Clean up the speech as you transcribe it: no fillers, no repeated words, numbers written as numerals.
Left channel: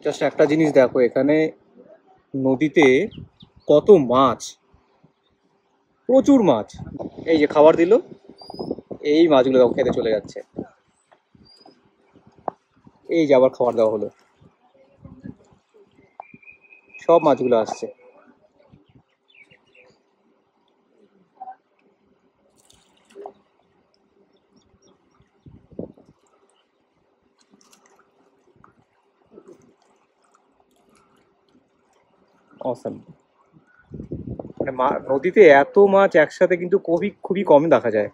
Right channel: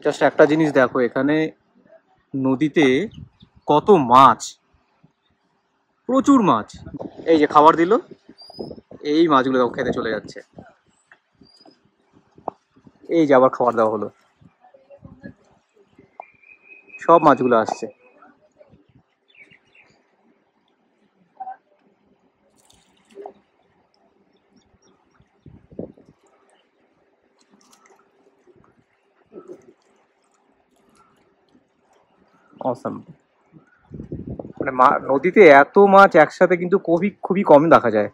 Just একটা জিনিস দেখো, এখানে নদীতে কত মাছ, প্রচুর মাছ। এই যে খাবার দিল, এই মাছগুলো দেখো খেতে চলে যাচ্ছে। এই যে আবার খাবার দেওয়া হলো, সব মাছগুলো আসছে। অসম। মানে নদীতে এত মাছ একসাথে কিন্তু খুবই খুবই কম দেখা যায়।